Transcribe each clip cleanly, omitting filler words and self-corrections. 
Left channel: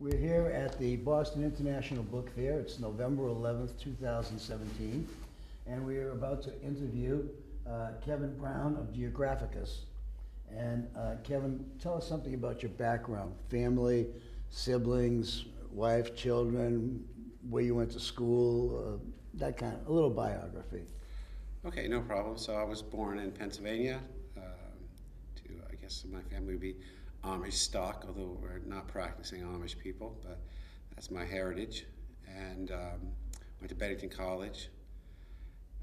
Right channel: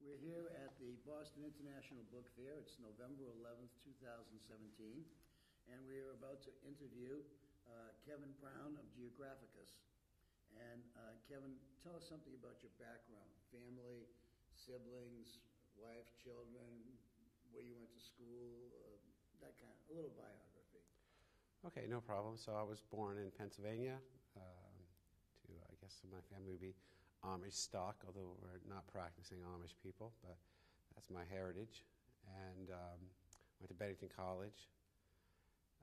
We're here at the Boston International Book Fair. It's November 11th, 2017, and we are about to interview Kevin Brown of Geographicus. And Kevin, tell us something about your background, family, siblings, wife, children, where you went to school, that kind of, a little biography. Okay, no problem. So I was born in Pennsylvania. I guess my family would be Amish stock, although we're not practicing Amish people, but that's my heritage. And went to Bennington College.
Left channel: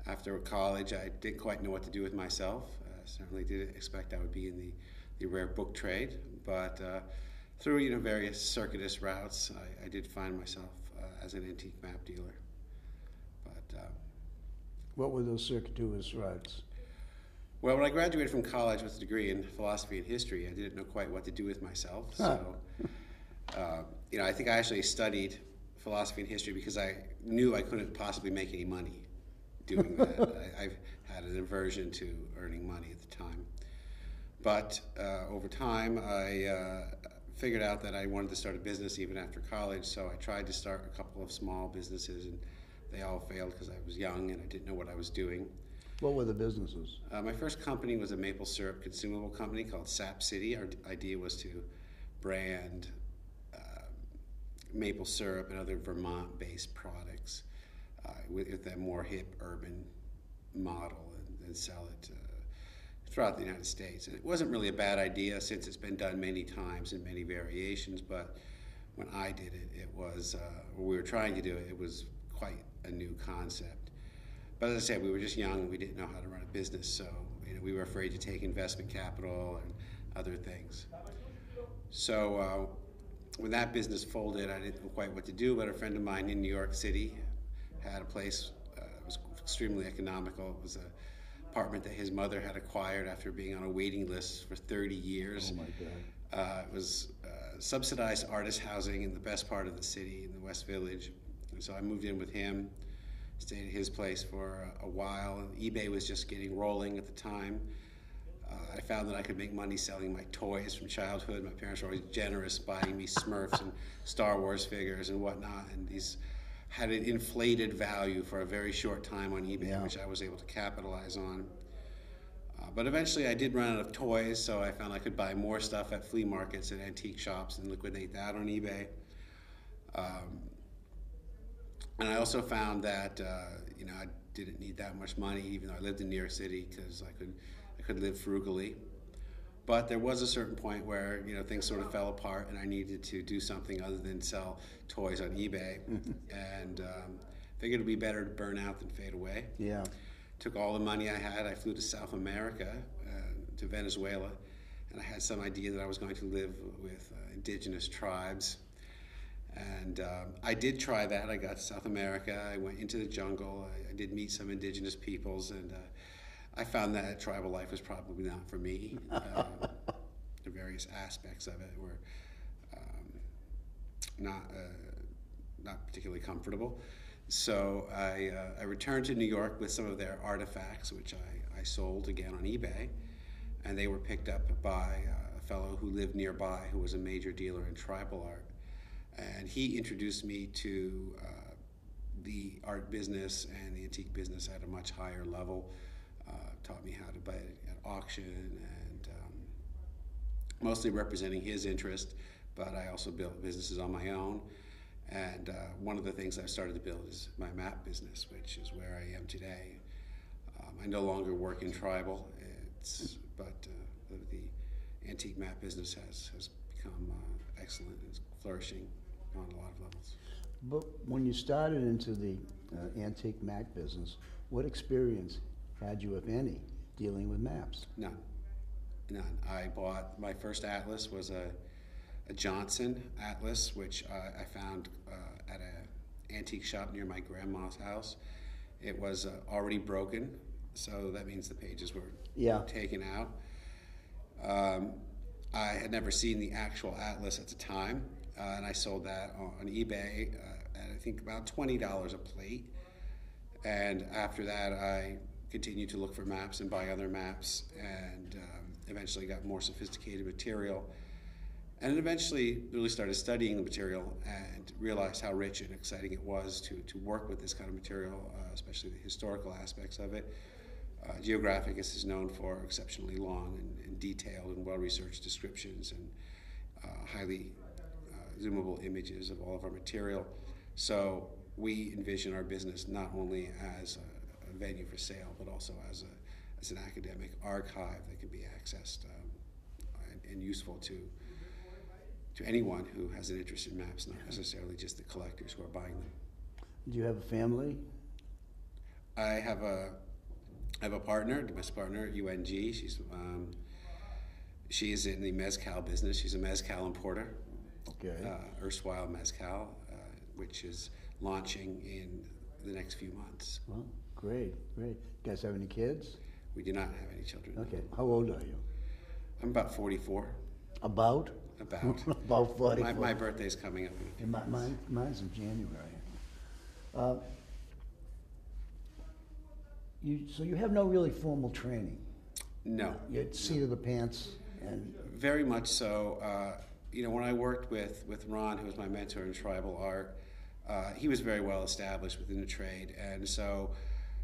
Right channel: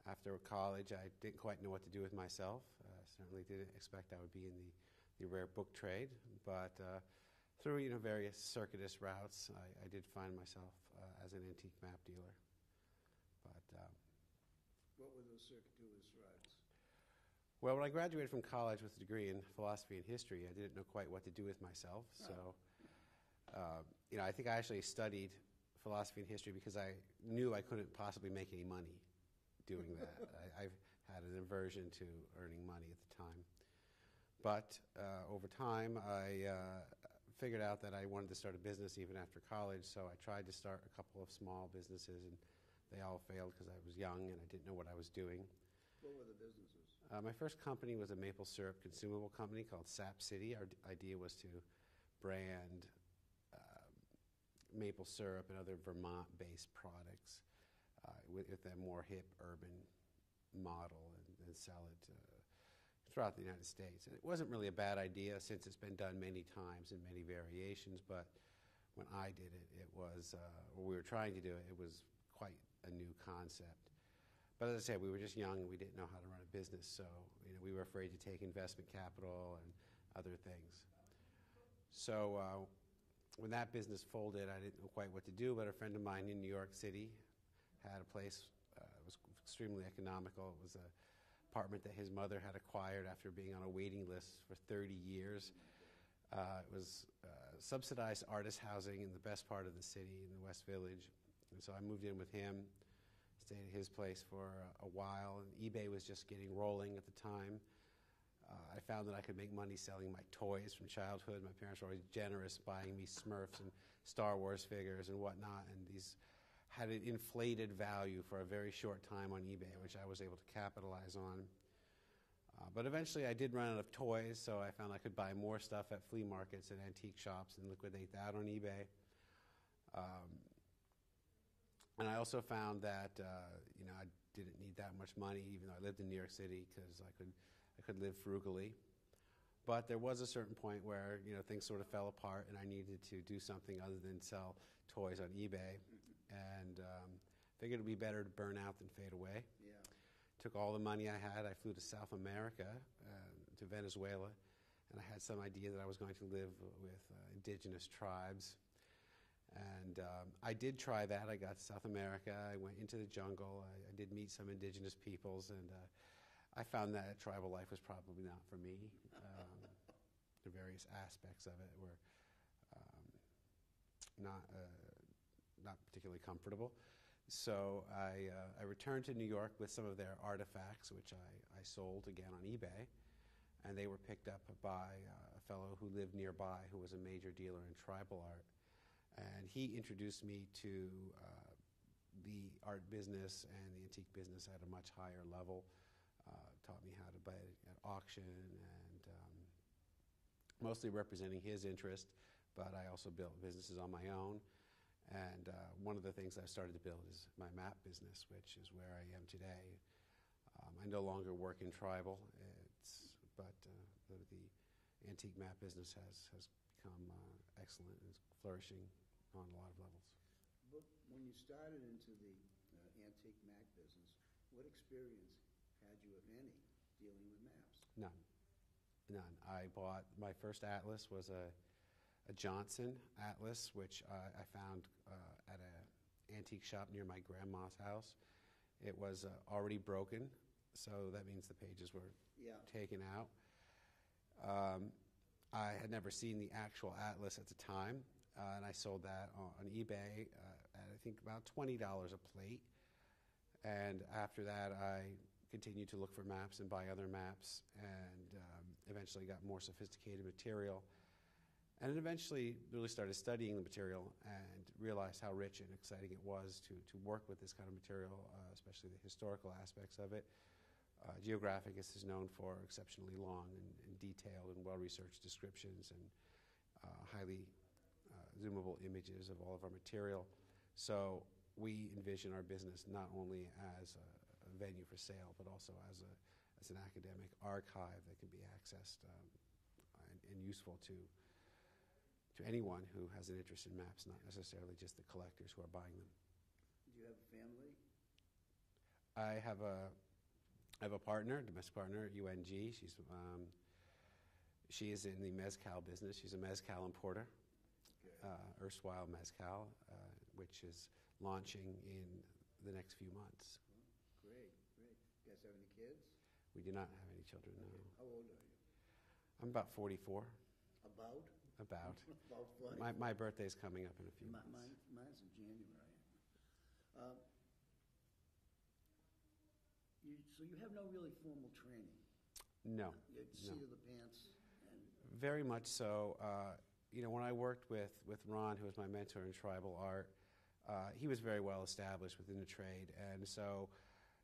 After college, I didn't quite know what to do with myself. Certainly didn't expect I would be in the rare book trade, but through various circuitous routes, I did find myself as an antique map dealer. But What were those circuitous routes? well, when I graduated from college with a degree in philosophy and history, I didn't know quite what to do with myself. So, I think I actually studied philosophy and history because I knew I couldn't possibly make any money doing that. I've had an aversion to earning money at the time. But over time, I figured out that I wanted to start a business even after college, so I tried to start a couple of small businesses, and they all failed because I was young and I didn't know what I was doing. What were the businesses? My first company was a maple syrup consumable company called Sap City. Our idea was to brand maple syrup and other Vermont-based products with a more hip urban model and sell it throughout the United States. And it wasn't really a bad idea since it's been done many times in many variations, but when I did it, it was, or we were trying to do it, it was quite a new concept. But as I said, we were just young and we didn't know how to run a business, so we were afraid to take investment capital and other things. So when that business folded, I didn't know quite what to do, but a friend of mine in New York City had a place. It was extremely economical. It was an apartment that his mother had acquired after being on a waiting list for 30 years. Oh my God. It was subsidized artist housing in the best part of the city, in the West Village. And so I moved in with him, stayed at his place for a while. eBay was just getting rolling at the time. I found that I could make money selling my toys from childhood. My parents were always generous, buying me Smurfs and Star Wars figures and whatnot, and these had an inflated value for a very short time on eBay, which I was able to capitalize on. But eventually I did run out of toys, so I found I could buy more stuff at flea markets and antique shops and liquidate that on eBay. And I also found that I didn't need that much money, even though I lived in New York City, because I could live frugally. But there was a certain point where things sort of fell apart, and I needed to do something other than sell toys on eBay. And figured it'd be better to burn out than fade away. Yeah. Took all the money I had. I flew to South America, to Venezuela, and I had some idea that I was going to live with indigenous tribes. And I did try that. I got to South America. I went into the jungle. I did meet some indigenous peoples, and I found that tribal life was probably not for me. The various aspects of it were not particularly comfortable. So I returned to New York with some of their artifacts, which I sold again on eBay, and they were picked up by a fellow who lived nearby who was a major dealer in tribal art. And he introduced me to the art business and the antique business at a much higher level, taught me how to buy it at auction, and mostly representing his interest, but I also built businesses on my own. And one of the things I've started to build is my map business, which is where I am today. I no longer work in tribal, but the antique map business has become excellent and is flourishing on a lot of levels. But when you started into the antique map business, what experience had you, if any, dealing with maps? None. I bought, my first atlas was a Johnson atlas, which I found at an antique shop near my grandma's house. It was already broken, so that means the pages were taken out. I had never seen the actual atlas at the time, and I sold that on eBay at I think about $20 a plate. And after that, I continued to look for maps and buy other maps, and eventually got more sophisticated material. And eventually really started studying the material and realized how rich and exciting it was to work with this kind of material, especially the historical aspects of it. Geographicus is known for exceptionally long and detailed and well-researched descriptions and highly zoomable images of all of our material. So we envision our business not only as a venue for sale, but also as an academic archive that can be accessed and useful to anyone who has an interest in maps, not necessarily just the collectors who are buying them. Do you have a family? I have a partner, a domestic partner at UNG. She is in the mezcal business. She's a mezcal importer. Okay. Erstwhile mezcal, which is launching in the next few months. Well, great. You guys have any kids? We do not have any children. Okay. How old are you? I'm about 44. About? About. About 44. My birthday's coming up. Mine's in January. So you have no really formal training? No. You're seat of the pants and... Very much so. When I worked with Ron, who was my mentor in tribal art, he was very well established within the trade, and so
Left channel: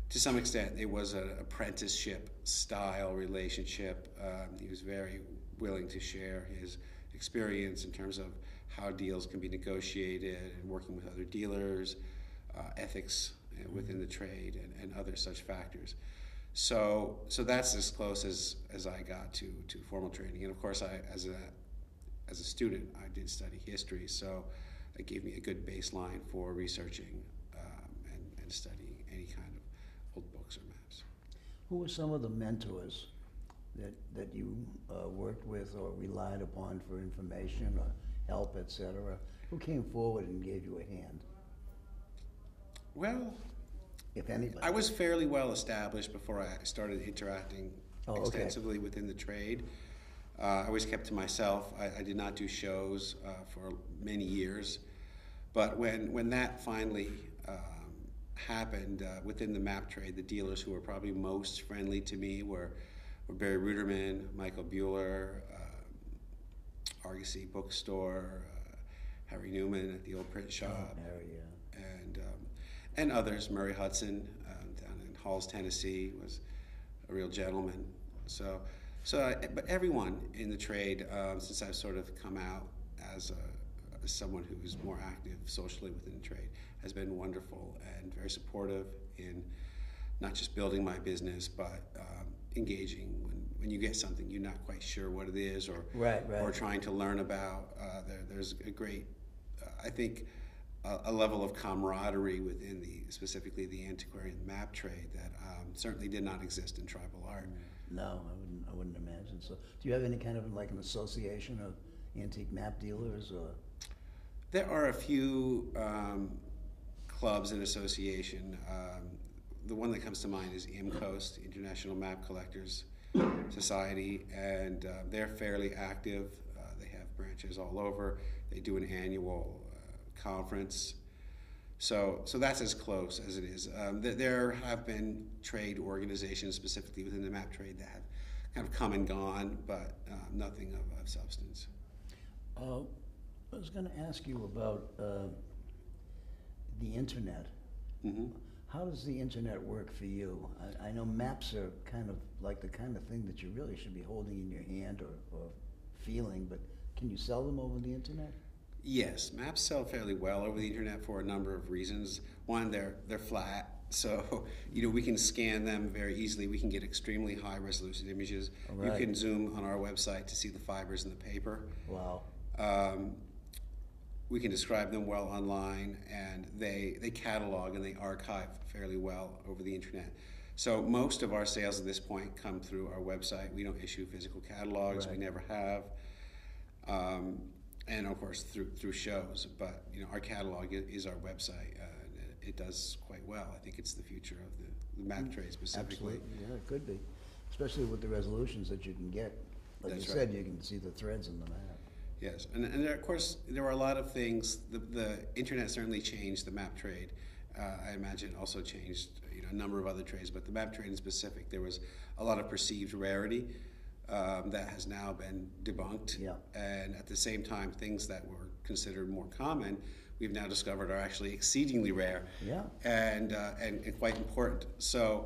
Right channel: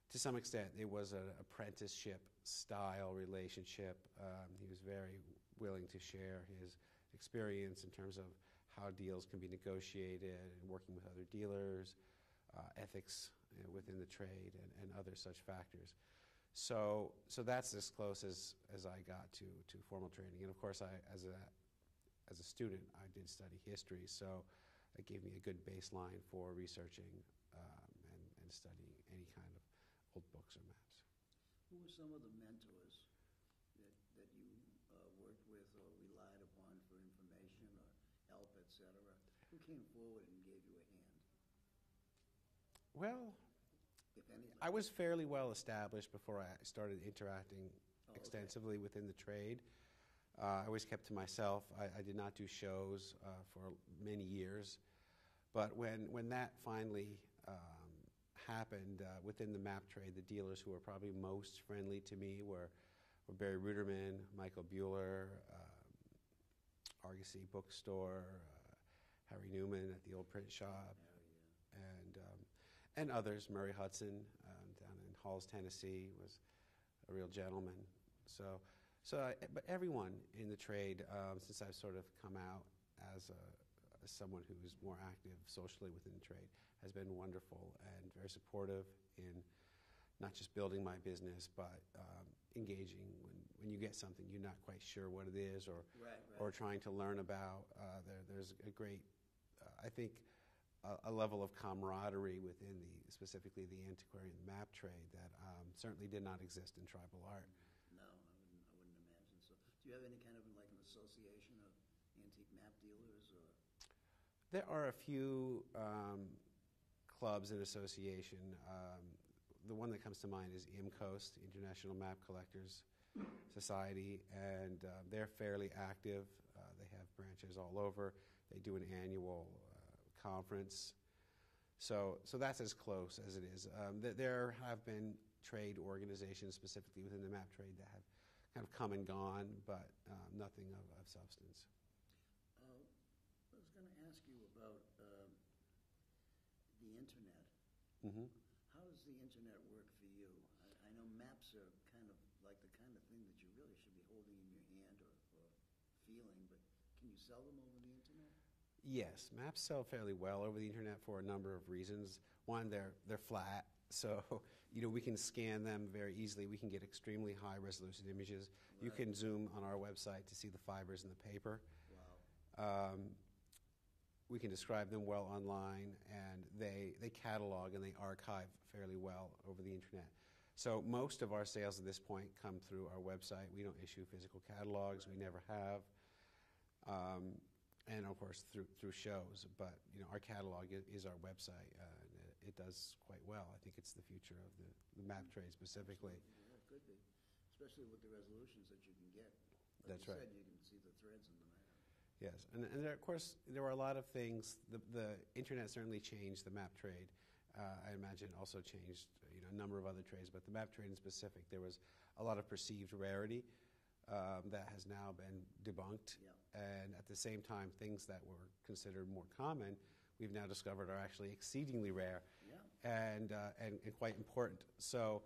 to some extent it was an apprenticeship style relationship. He was very willing to share his experience in terms of how deals can be negotiated and working with other dealers, ethics within the trade, and other such factors. So that's as close as I got to formal training. And of course, as a student, I did study history, so it gave me a good baseline for researching and studying any kind of old books or maps. Who were some of the mentors that you worked with or relied upon for information or help, etc.? Who came forward and gave you a hand? Well, if anybody. I was fairly well established before I started interacting extensively within the trade. I always kept to myself. I did not do shows for many years. But when that finally happened within the map trade, the dealers who were probably most friendly to me were Barry Ruderman, Michael Bueller, Argosy Bookstore, Harry Newman at the Old Print Shop, and others. Murray Hudson down in Halls, Tennessee, was a real gentleman. But everyone in the trade, since I've sort of come out as someone who is more active socially within the trade, has been wonderful and very supportive in not just building my business, but engaging when you get something you're not quite sure what it is, or trying to learn about. There's a great, I think, a level of camaraderie within specifically the antiquarian map trade that certainly did not exist in tribal art. No, I wouldn't imagine so. Do you have any kind of like an association of antique map dealers, or? There are a few clubs and association. The one that comes to mind is IMCOAST, International Map Collectors Society, and they're fairly active. They have branches all over. They do an annual conference. So that's as close as it is. There have been trade organizations specifically within the map trade that have kind of come and gone, but nothing of substance. I was going to ask you about the internet. Mm-hmm. How does the internet work for you? I know maps are kind of like the kind of thing that you really should be holding in your hand or feeling, but can you sell them over the internet? Yes, maps sell fairly well over the internet for a number of reasons. One, they're flat, so we can scan them very easily. We can get extremely high resolution images. Right. You can zoom on our website to see the fibers in the paper. Wow. We can describe them well online, and they catalog and they archive fairly well over the internet. So most of our sales at this point come through our website. We don't issue physical catalogs. Right. We never have. And of course through shows, but our catalog is our website. It does quite well. I think it's the future of the map trade specifically. Absolutely. Yeah, it could be, especially with the resolutions that you can get. Like That's you said, right. You can see the threads in the map. Yes, and there, of course there were a lot of things. The internet certainly changed the map trade. I imagine it also changed a number of other trades, but the map trade in specific, there was a lot of perceived rarity. that has now been debunked. Yeah. And at the same time, things that were considered more common, we've now discovered are actually exceedingly rare. Yeah. And quite important. So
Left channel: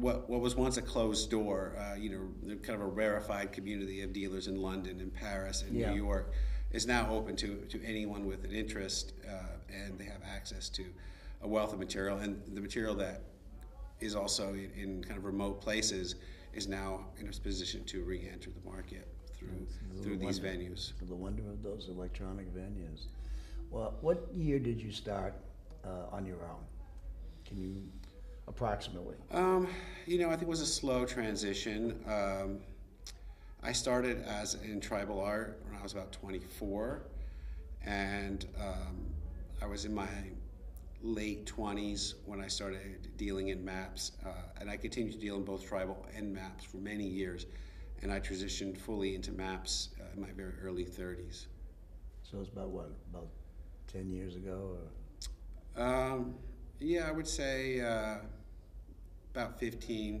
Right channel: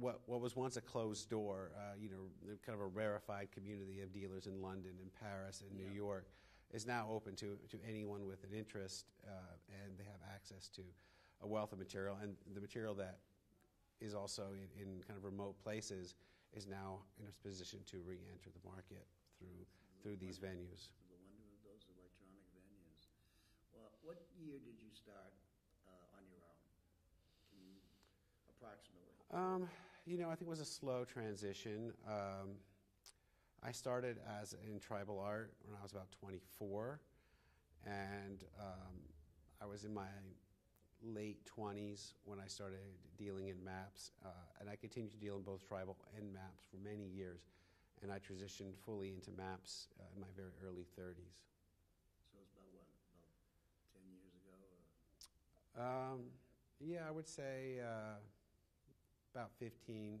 what was once a closed door, kind of a rarefied community of dealers in London and Paris and Yeah. New York, is now open to anyone with an interest, and they have access to a wealth of material. And the material that is also in kind of remote places is now in a position to re-enter the market through these venues. The wonder of those electronic venues. Well, what year did you start on your own? Can you approximately? I think it was a slow transition. I started in tribal art when I was about 24, and I was in my late 20s when I started dealing in maps, and I continued to deal in both tribal and maps for many years, and I transitioned fully into maps in my very early 30s. So it's about 10 years ago? Or? Yeah, I would say about 15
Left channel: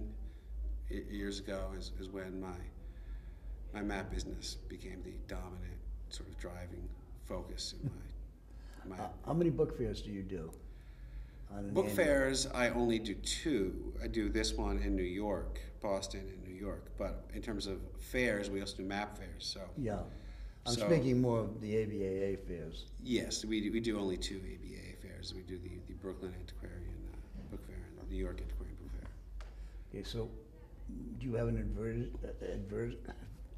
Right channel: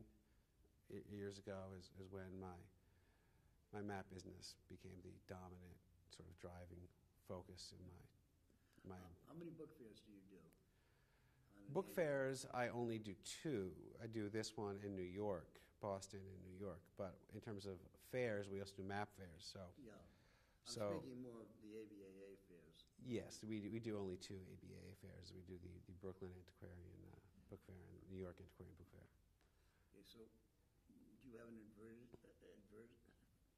years ago is when my map business became the dominant sort of driving focus in my How many book fairs do you do? Book fairs, I only do 2. I do this one in New York, Boston and New York. But in terms of fairs, we also do map fairs. So yeah, I'm speaking more of the ABAA fairs. Yes, we do only 2 ABAA fairs. We do the Brooklyn Antiquarian Book Fair and the New York Antiquarian Book Fair. Okay, so do you have an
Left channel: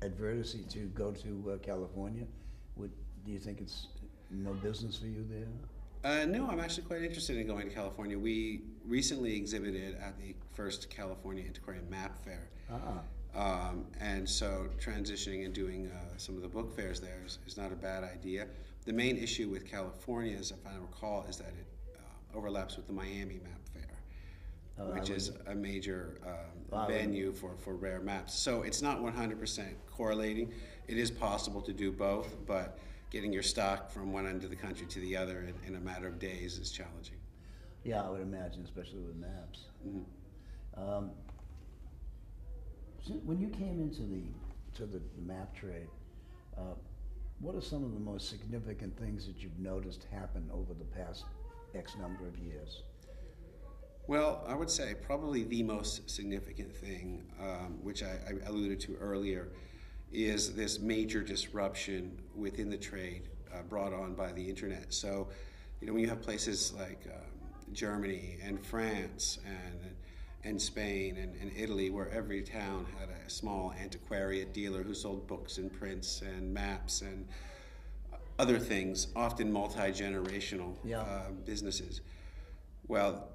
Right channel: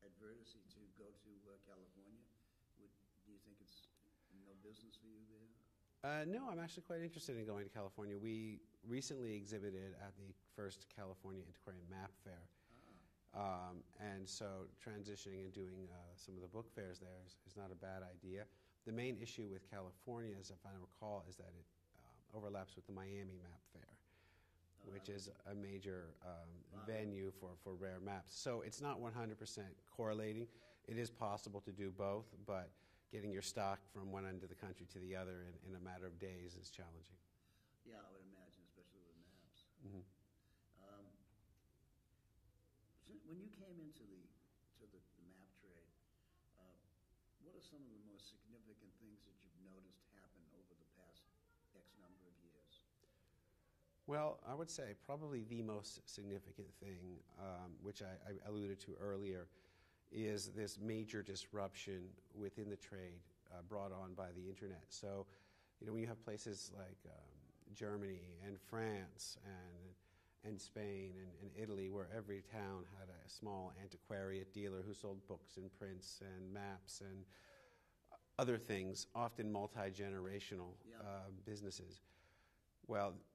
adversity to go to California? Do you think it's no business for you there? No, I'm actually quite interested in going to California. We recently exhibited at the first California Antiquarian Map Fair. And so transitioning and doing some of the book fairs there is not a bad idea. The main issue with California, as I recall, is that it overlaps with the Miami Map Fair, which is a major venue for rare maps. So it's not 100% correlating. It is possible to do both, but getting your stock from one end of the country to the other in a matter of days is challenging. Yeah, I would imagine, especially with maps. Mm-hmm. When you came into the map trade, what are some of the most significant things that you've noticed happen over the past X number of years? Well, I would say probably the most significant thing, which I alluded to earlier, is this major disruption within the trade brought on by the internet. So, when you have places like Germany and France and Spain and Italy, where every town had a small antiquariate dealer who sold books and prints and maps and other things, often multi-generational businesses. Well,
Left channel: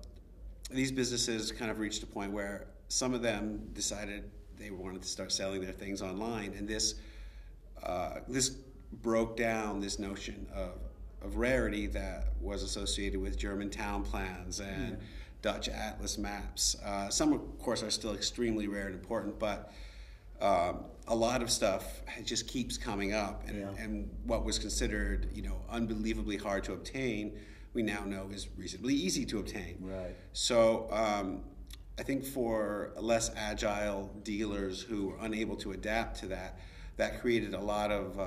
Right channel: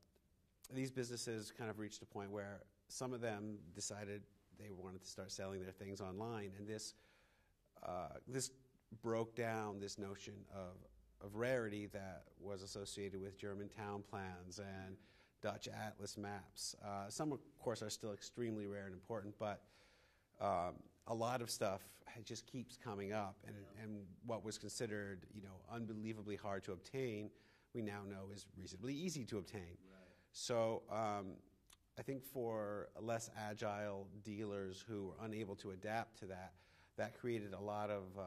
these businesses kind of reached a point where some of them decided they wanted to start selling their things online, and this broke down this notion of rarity that was associated with German town plans and Dutch atlas maps. Some, of course, are still extremely rare and important, but a lot of stuff just keeps coming up, and what was considered, unbelievably hard to obtain, we now know is reasonably easy to obtain. Right. So I think for less agile dealers who were unable to adapt to that created a lot of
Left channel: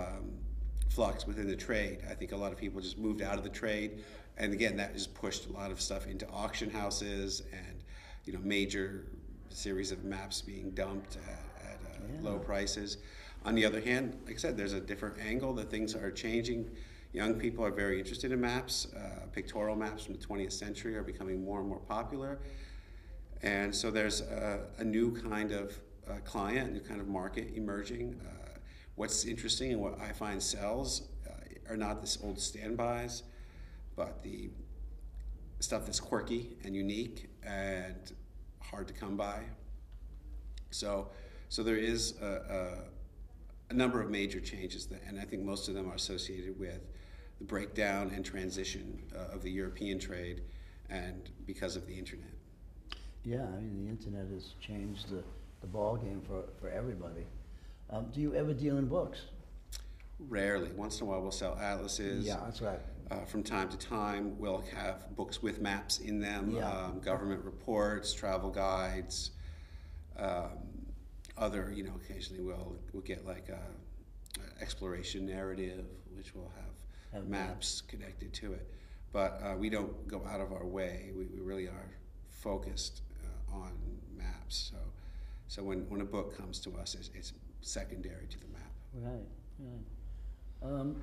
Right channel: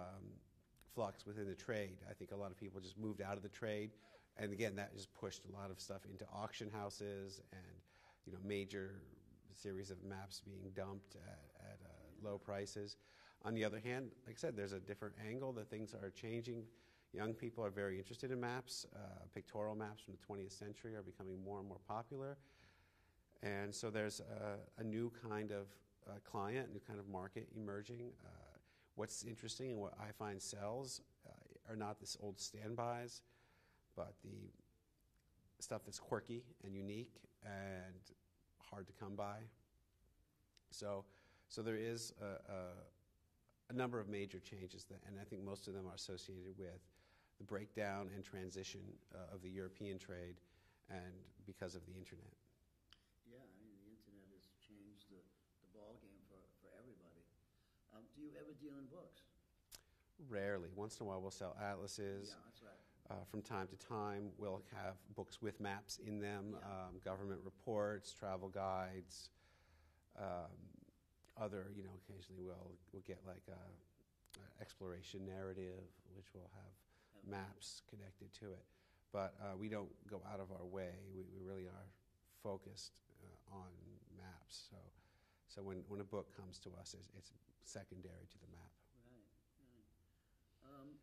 flux within the trade. I think a lot of people just moved out of the trade, and again, that just pushed a lot of stuff into auction houses and major series of maps being dumped at low prices. On the other hand, like I said, there's a different angle that things are changing. Young people are very interested in maps. Pictorial maps from the 20th century are becoming more and more popular. And so there's a new kind of client, a new kind of market emerging. What's interesting and what I find sells are not this old standbys, but the stuff that's quirky and unique and hard to come by. So there is a number of major changes, and I think most of them are associated with the breakdown and transition of the European trade, and because of the internet. Yeah, I mean, the internet has changed the ball game for everybody. Do you ever deal in books? Rarely. Once in a while we'll sell atlases. Yeah, that's right. From time to time we'll have books with maps in them, government reports, travel guides, other, occasionally we'll get like a exploration narrative, which will have maps connected to it. But we don't go out of our way. We really are focused on maps. So when a book comes to us, it's secondary to the map. Right.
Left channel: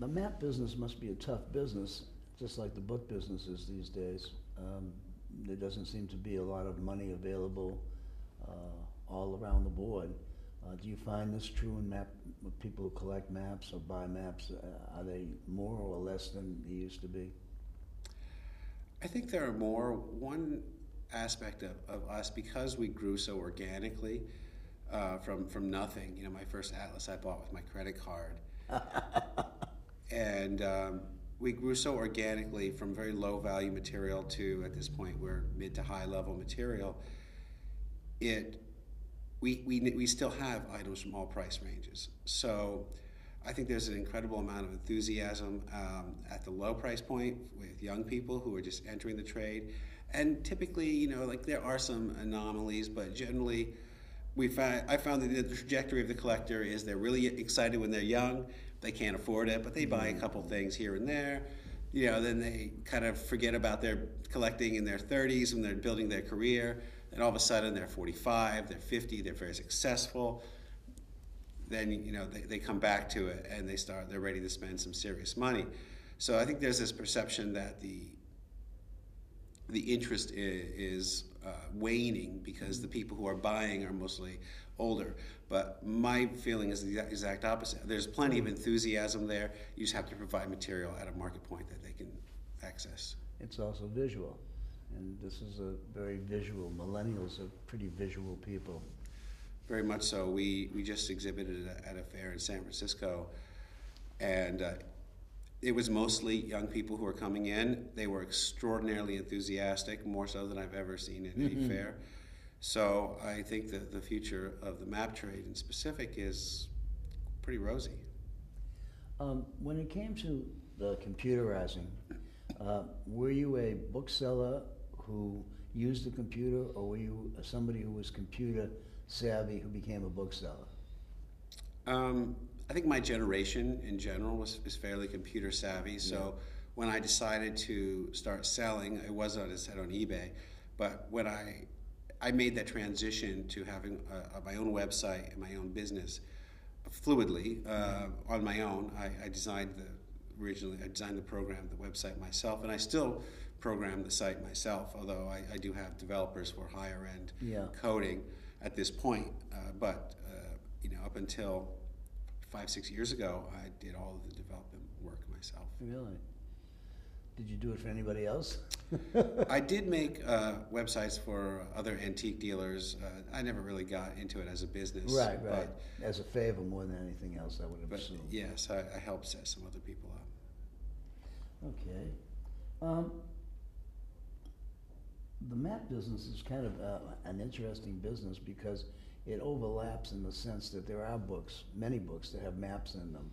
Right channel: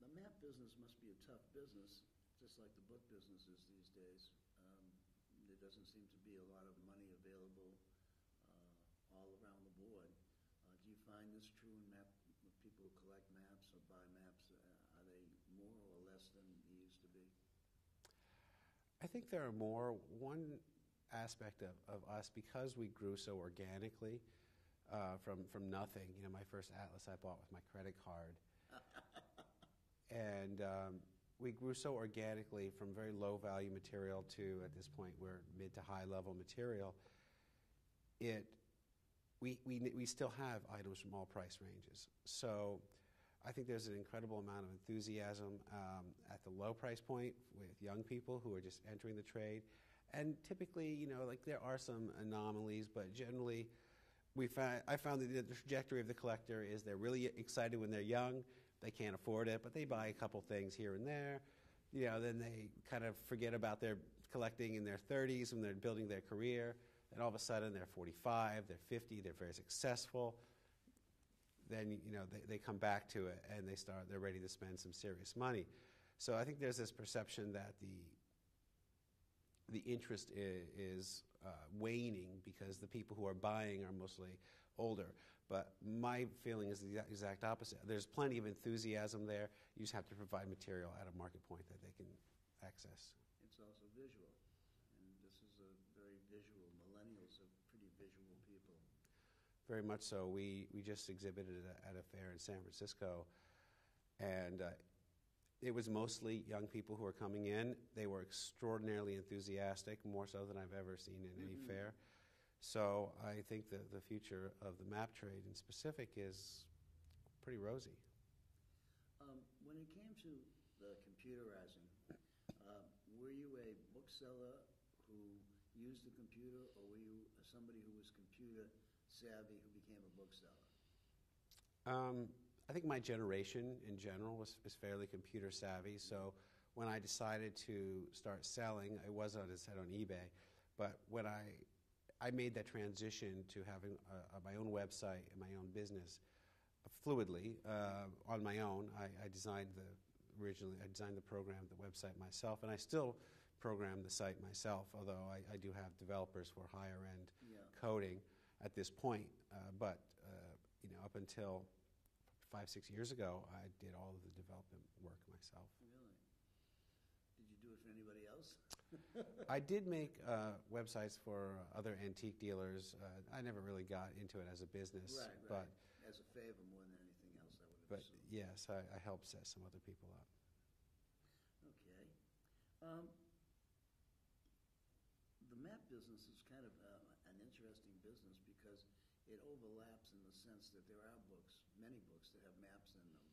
The map business must be a tough business, just like the book business is these days. There doesn't seem to be a lot of money available all around the board. Do you find this true in with people who collect maps or buy maps? Are they more or less than they used to be? I think there are more. One aspect of us, because we grew so organically from nothing. My first atlas I bought with my credit card. And we grew so organically from very low value material to, at this point, we're mid to high level material. We still have items from all price ranges. So I think there's an incredible amount of enthusiasm at the low price point with young people who are just entering the trade. And typically, like there are some anomalies, but generally I found that the trajectory of the collector is they're really excited when they're young. They can't afford it, but they buy a couple things here and there. Then they kind of forget about their collecting in their 30s when they're building their career. And all of a sudden they're 45, they're 50, they're very successful. Then they come back to it and they're ready to spend some serious money. So I think there's this perception that the interest is waning because the people who are buying are mostly older. But my feeling is the exact opposite. There's plenty of enthusiasm there. You just have to provide material at a market point that they can access. It's also visual, and this is a very visual. Millennials are pretty visual people. Very much so. We just exhibited at a fair in San Francisco, and it was mostly young people who were coming in. They were extraordinarily enthusiastic, more so than I've ever seen in any fair. So I think that the future of the map trade in specific is pretty rosy. When it came to the computerizing, were you a bookseller who used the computer, or were you somebody who was computer savvy who became a bookseller? I think my generation in general is fairly computer savvy. So when I decided to start selling, it wasn't, as I said, on eBay, but when I made that transition to having my own website and my own business fluidly on my own. I designed the program, the website myself, and I still program the site myself, although I do have developers for higher end coding at this point. But up until 5-6 years ago, I did all of the development work myself. Really? Did you do it for anybody else? I did make websites for other antique dealers. I never really got into it as a business. Right. As a favor more than anything else, I would have assumed. Yes, I helped set some other people up. Okay. The map business is kind of an interesting business because it overlaps in the sense that there are many books that have maps in them.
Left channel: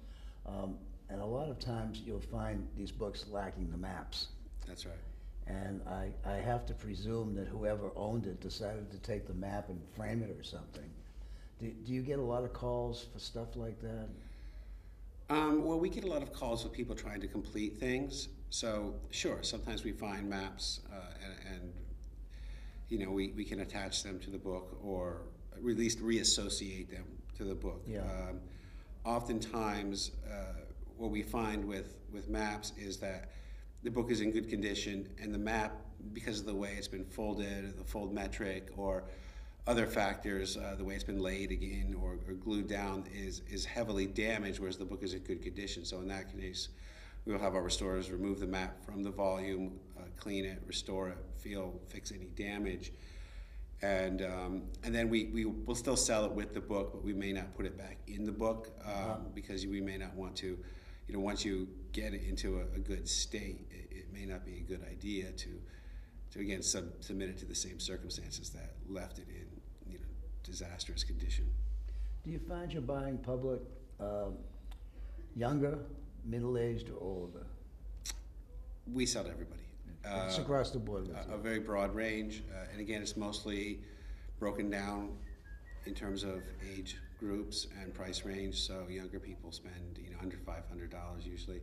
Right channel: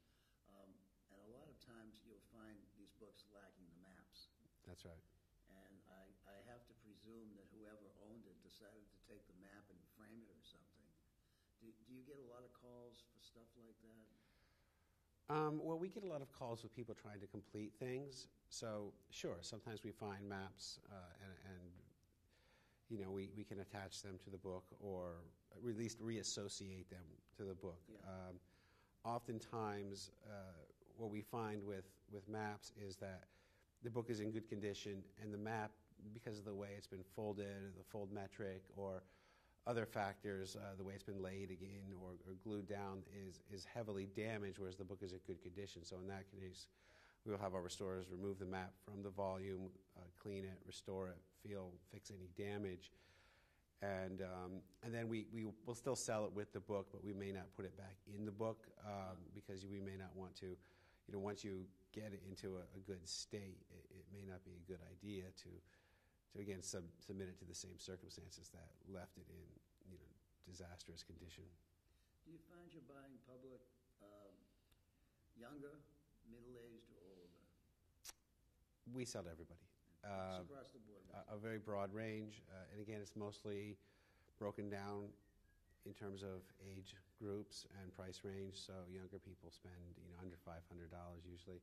And a lot of times you'll find these books lacking the maps. That's right. And I have to presume that whoever owned it decided to take the map and frame it or something. Do you get a lot of calls for stuff like that? Well, we get a lot of calls with people trying to complete things. So sure, sometimes we find maps and we can attach them to the book or at least reassociate them to the book. Yeah. Oftentimes, what we find with maps is that the book is in good condition and the map, because of the way it's been folded, the fold metric, or other factors, the way it's been laid again or glued down is heavily damaged, whereas the book is in good condition. So in that case, we will have our restorers remove the map from the volume, clean it, restore it, fix any damage. And then we will still sell it with the book, but we may not put it back in the book because we may not want to, once you get it into a good state, it may not be a good idea to again submit it to the same circumstances that left it in disastrous condition. Do you find you're buying public younger, middle-aged, or older? We sell to everybody. It's across the board with a you. very broad range, and again, it's mostly broken down in terms of age groups and price range. So younger people spend under $500 usually,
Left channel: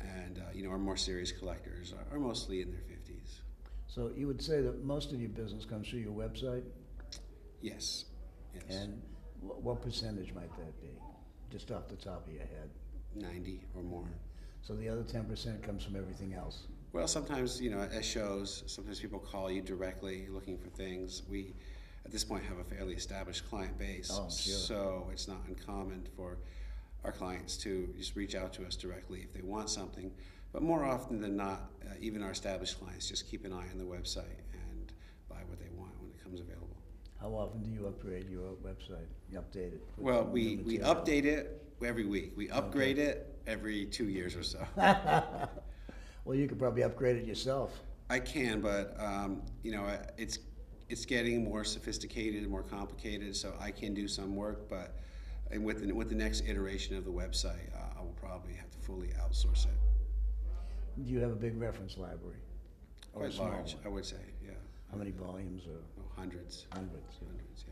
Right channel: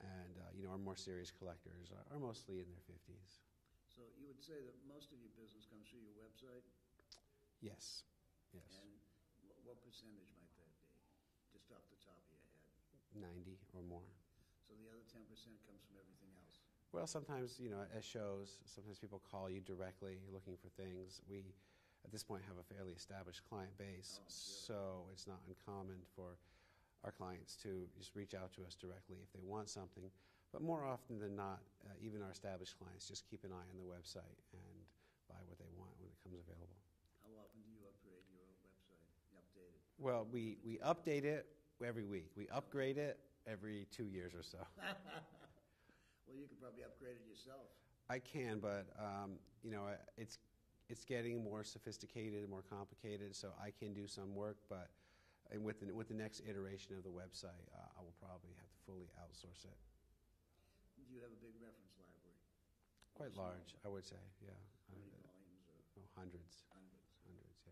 and our more serious collectors are mostly in their 50s. So you would say that most of your business comes through your website? Yes, yes. And what percentage might that be, just off the top of your head? 90 or more. So the other 10% comes from everything else? Well, sometimes, at shows, sometimes people call you directly looking for things. We, at this point, have a fairly established client base. Oh, sure. So it's not uncommon for our clients to just reach out to us directly if they want something. But more often than not, even our established clients just keep an eye on the website and buy what they want when it comes available. How often do you upgrade your website? You update it? with Well, new we material? update it every week. We upgrade it every 2 years or so. Well, you could probably upgrade it yourself. I can, but it's getting more sophisticated and more complicated. So I can do some work, but with the next iteration of the website, I will probably have to fully outsource it. Do you have a big reference library? Or a Quite small large, one? I would say. Yeah. How many volumes? Or Hundreds. hundreds? Hundreds.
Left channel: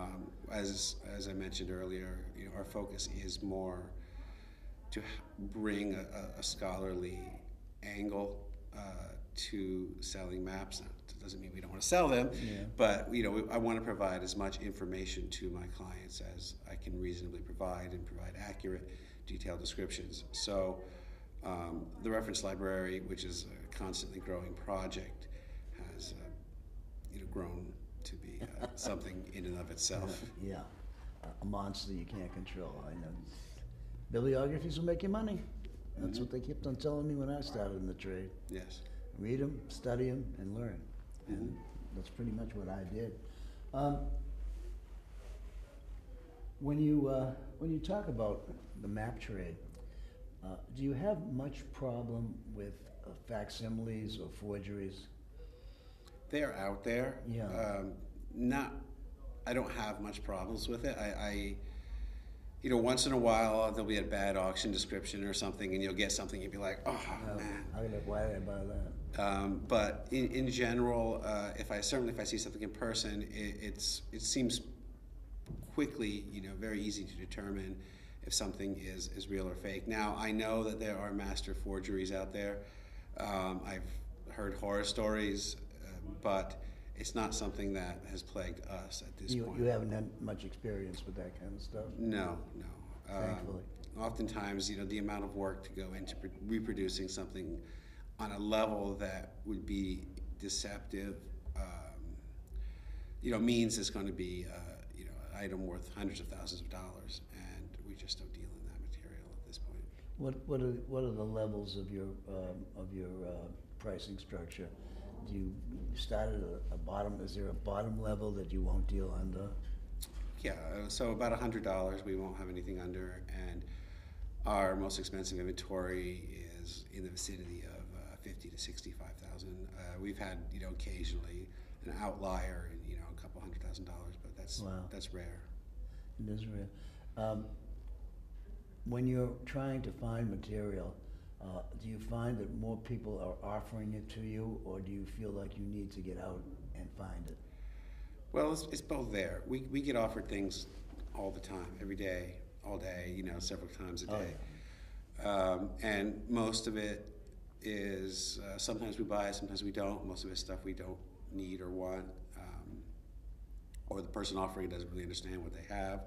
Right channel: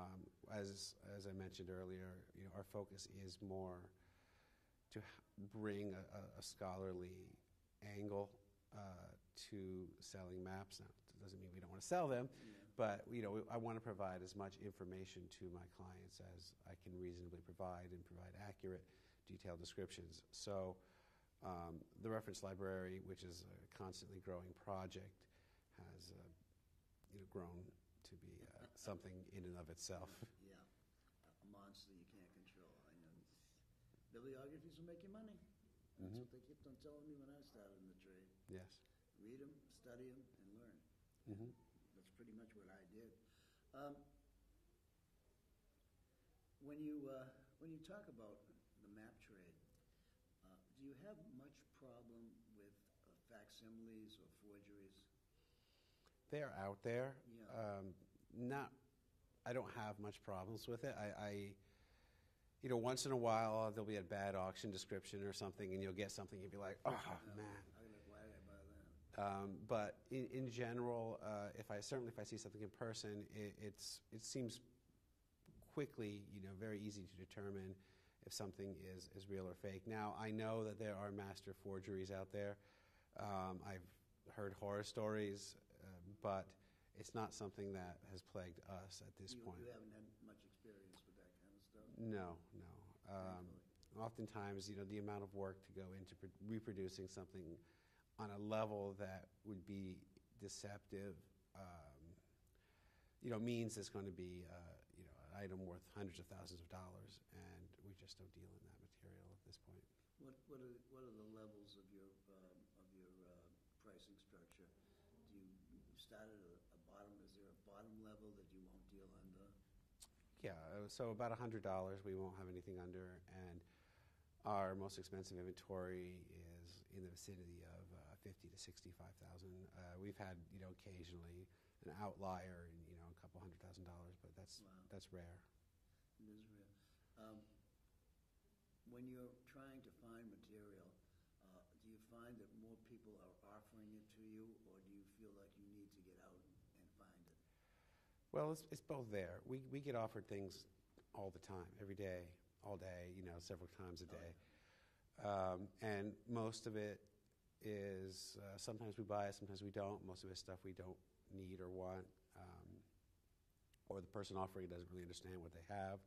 Yeah. As I mentioned earlier, our focus is more to bring a scholarly angle to selling maps. That doesn't mean we don't want to sell them, Yeah. but I want to provide as much information to my clients as I can reasonably provide and provide accurate, detailed descriptions. So the reference library, which is a constantly growing project, has grown to be something in and of itself. Yeah, a monster you can't control. I know. Bibliographies will make you money. That's what they kept on telling me when I started in the trade. Yes. Read them, study them, and learn. And that's pretty much what I did. When you talk about the map trade, do you have much problem with facsimiles or forgeries? They're out there. Yeah. I don't have much problems with it. Once in a while there'll be a bad auction description or something, and you'll get something and you'll be like, oh man. Why did I buy that? But in general, if I see something in person, it seems quickly, very easy to determine if something is real or fake. Now, I know that there are master forgeries out there. I've heard horror stories, but it's not something that has plagued us at this point. You haven't had much experience with that kind of stuff? No. Thankfully. Oftentimes, the amount of work to go into reproducing something on a level that would be deceptive, means it's going to be, an item worth hundreds of thousands of dollars, and we just don't deal in that material at this point. What are the levels of your pricing structure? Do you start at a bottom? Is there a bottom level that you won't deal under? Yeah, so about $100 we won't have anything under, and our most expensive inventory is in the vicinity of 50 to 65,000. We've had occasionally an outlier in a couple $100,000, but that's rare. It is rare. When you're trying to find material, do you find that more people are offering it to you, or do you feel like you need to get out and find it? Well, it's both there. We get offered things all the time, every day, all day, several times a day. Oh, yeah. And most of it is, sometimes we buy, sometimes we don't. Most of it's stuff we don't need or want, or the person offering doesn't really understand what they have.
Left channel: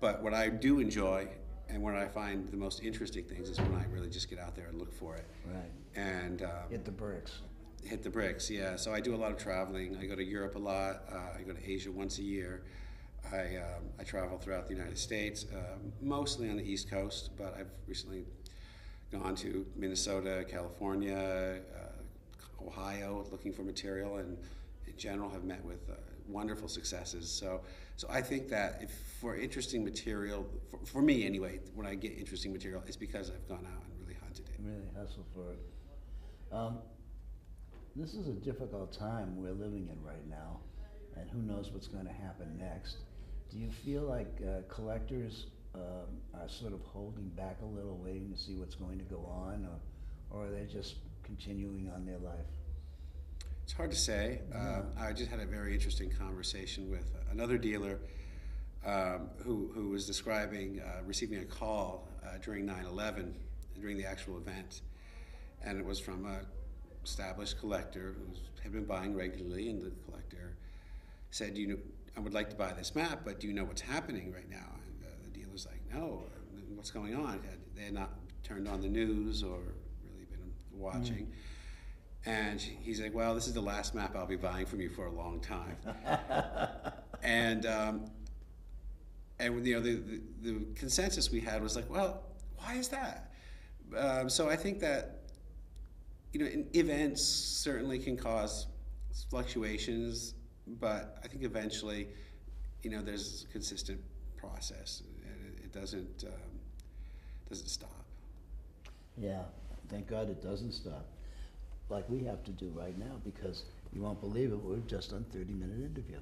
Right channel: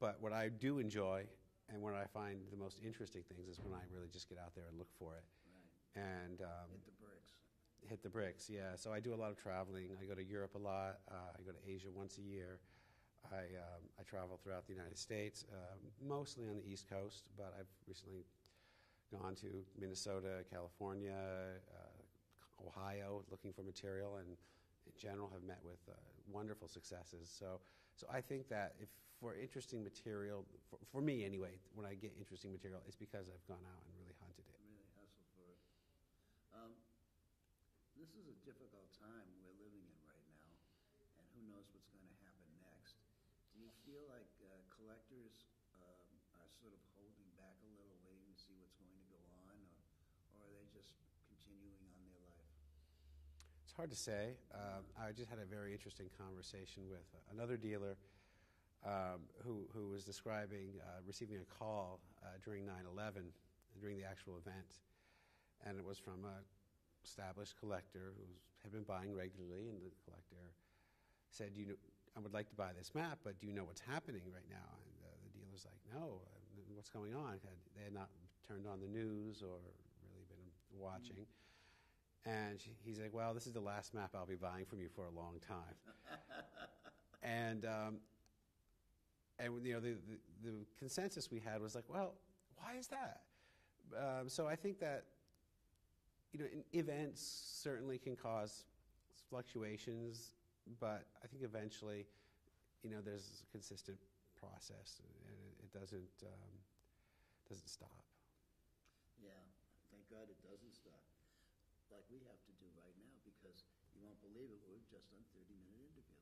But what I do enjoy, and where I find the most interesting things, is when I really just get out there and look for it. Right. And Hit the bricks. Hit the bricks, yeah. So I do a lot of traveling. I go to Europe a lot. I go to Asia once a year. I travel throughout the United States, mostly on the East Coast, but I've recently gone to Minnesota, California, Ohio, looking for material, and in general have met with wonderful successes. So I think that if for interesting material, for me anyway, when I get interesting material, it's because I've gone out and really hunted it. Really hustle for it. This is a difficult time we're living in right now, and who knows what's going to happen next. Do you feel like collectors are sort of holding back a little, waiting to see what's going to go on, or are they just continuing on their life? It's hard to say. I just had a very interesting conversation with another dealer who was describing receiving a call during 9/11, during the actual event, and it was from a established collector who had been buying regularly, and the collector said, I would like to buy this map, but do you know what's happening right now? And the dealer's like, no, what's going on? They had not turned on the news or really been watching. And he's like, well, this is the last map I'll be buying from you for a long time. and the consensus we had was like, well, why is that? So I think that events certainly can cause fluctuations, but I think eventually, there's a consistent process, and it doesn't stop. Yeah, thank God it doesn't stop. Like we have to do right now, because you won't believe it, we've just done 30-minute interview.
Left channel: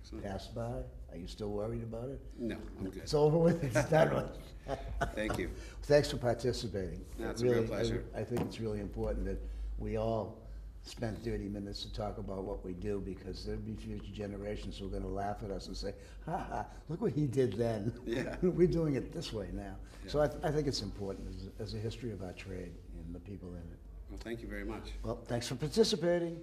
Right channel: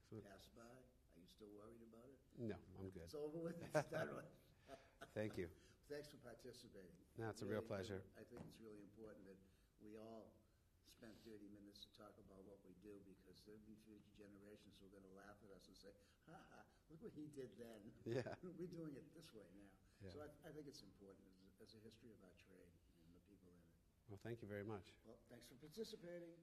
Excellent. Passed by. Are you still worried about it? No, I'm good. It's over with. It's done with. Thank you. Thanks for participating. No, it's a real pleasure. I think it's really important that we all spend 30 minutes to talk about what we do, because there'll be future generations who are going to laugh at us and say, ha ha, look what he did then. Yeah. We're doing it this way now. Yeah. So I think it's important as a history of our trade and the people in it. Well, thank you very much. Well, thanks for participating.